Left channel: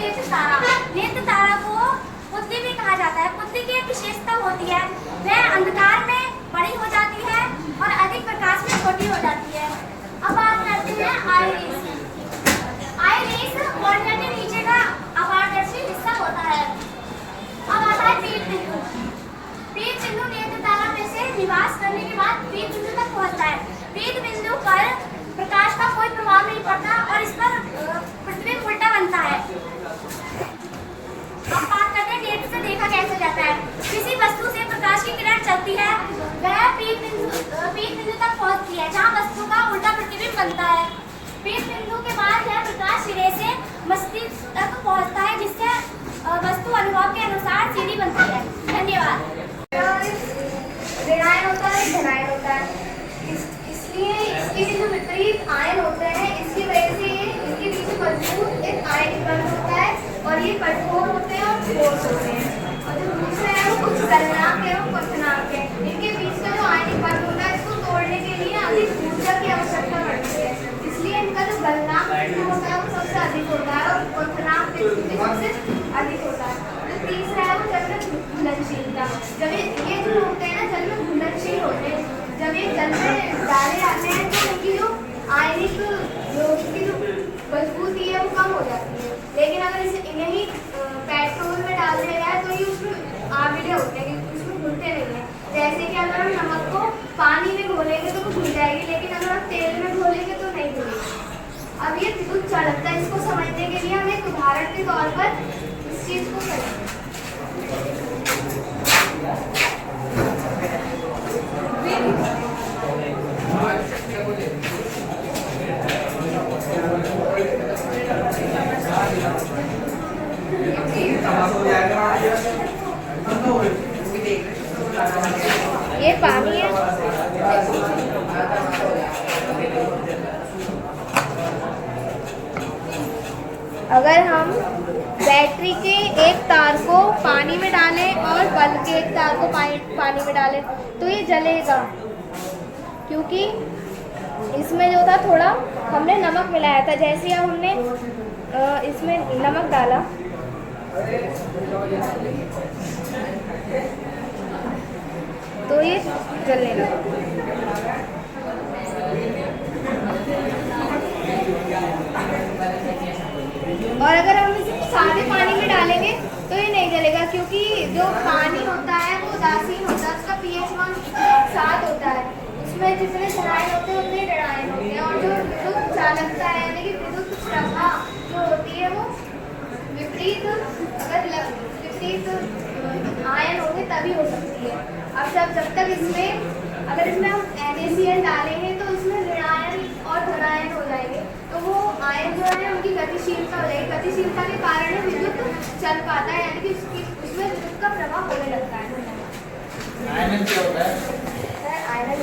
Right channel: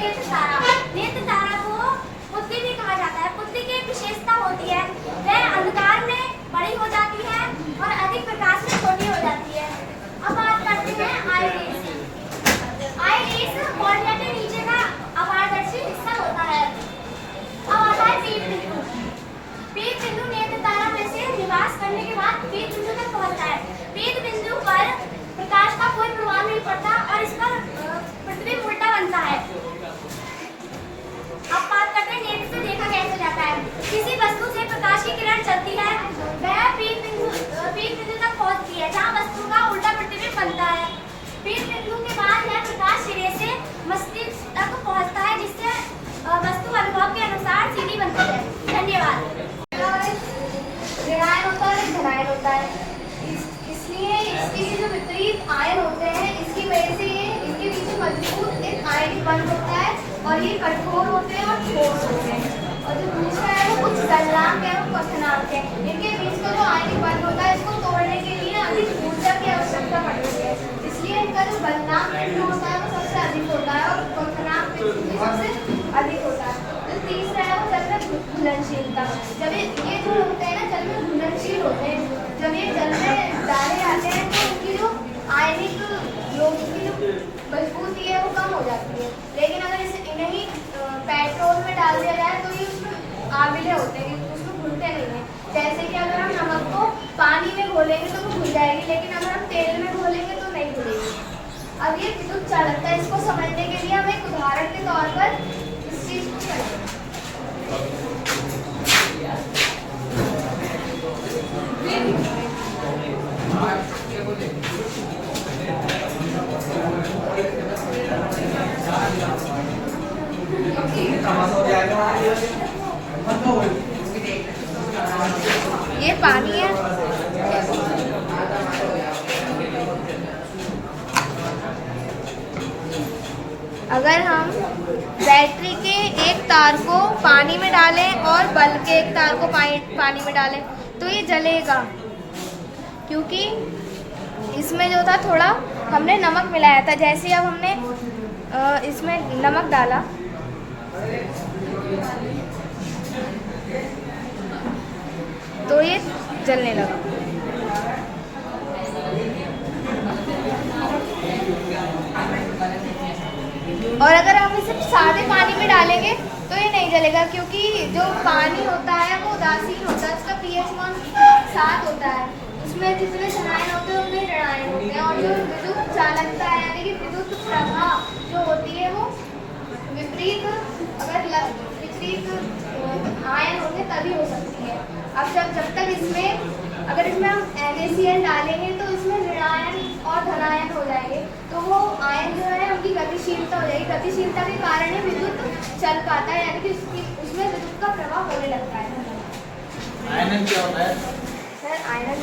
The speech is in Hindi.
नेत्र तारा। नेत्र तारा को बुद्धि भी कहा जाता है। बुद्धि की एक विशेषता होती है, वह अंधकार में बड़ी हो जाती है और अधिक प्रकाश में छोटी हो जाती है। अब बात करते हैं आइरिस। आइरिस कॉर्निया के नीचे का अपारदर्शी हिस्सा होता है। अब आता है पीठ बिंदु। पीठ बिंदु नेत्र तारा में से निवास करने के बाद पीठ बिंदु तक पहुंचता है। पीठ बिंदु पर प्रकाश का कोई प्रभाव नहीं पड़ता और इस पर प्रतिबिंब उल्टा बनता है। अब बात करते हैं नेत्र से देखा कैसे जाता है। किसी वस्तु से प्रकाश की किरण चलती है, वह पीठ बिंदु तक पहुंचती है जहां वस्तु का उल्टा प्रतिबिंब बनता है। पीठ बिंदु के बाद यह प्रकाश सिरे से मस्तिष्क तक पहुंचता है, जिससे वस्तु अनुभव के अनुसार सीधी बनती है। धन्यवाद। ऋणायन होता है, धनायन होता है। इसलिए इसके जो विपरीत आयन होते हैं, इसकी वजह से ये इनके पीछे मजबूत एक आयनिक बंध होता है और ये कठोर होते हैं और ठोस होते हैं। और जो दूसरा है वो कुछ गलनांक है और क्वथनांक है। इनके बीच का जो आयनिक बंध होता है, इसको तोड़ने के लिए अधिक ऊर्जा की आवश्यकता पड़ती है। इसलिए इनका जो गलनांक होता है वो सबसे अधिक होता है और क्वथनांक सबसे अधिक होता है। जो तीसरा है वो जल में घुलनशीलता। जब ये जो होते हैं ना, जल में घुलनशील होते हैं, जब ये जल में डाले जाते हैं तो उनकी जो आयनिक की जो मजबूती है वो कम हो जाती है। लेकिन अगर इसे इन्हें पेट्रोल में डाल दिया जाए तो ये उसमें आमिले होते हैं, उसमें घुलते नहीं है। जैसे कि अगर हम नमक को पानी में घोलेंगे तो वो घुल जाएगी, लेकिन अगर हम तेल में घोलेंगे तो नहीं घुलेगी। अब ये विद्युत चालकता, इसको समझने के लिए हम एक उदाहरण के तौर पर इस चीज को समझें। ये पानी है। अगर हम बैटरी के एक तार को पानी में डालें और बल्ब के एक तार को पानी में डालें तो ये जलेगा, क्योंकि इसमें जो था थोड़ा हमने नमक मिलाया था। जैसे अब हमने इसमें नमक डाला तो ये जलने लगा। और अगर हम इसे सादे पानी में डालेंगे तो ये नहीं जलेगा, क्योंकि जो पानी होता है वो उदासीन होता है, उसका pH मान 7 होता है। उसमें जितने धनायन होते हैं उतने ऋणायन होते हैं। और जो विद्युत चालकता है यानी कि विद्युत प्रवाह जो होती है वो विपरीत आयन होंगे तभी हो सकती है। अब जब तक अगर इसमें हम NaCl डालेंगे तो इसमें ऋणायन और धनायन हो जाएंगे, तो वो आयन जो है उनकी गतिशीलता हो जाएगी। गतिशीलता के कारण ही विद्युत चल पाता है, यानी कि उसमें विद्युत का प्रवाह होने लगता है। आयनन क्या होता है? सर आयनन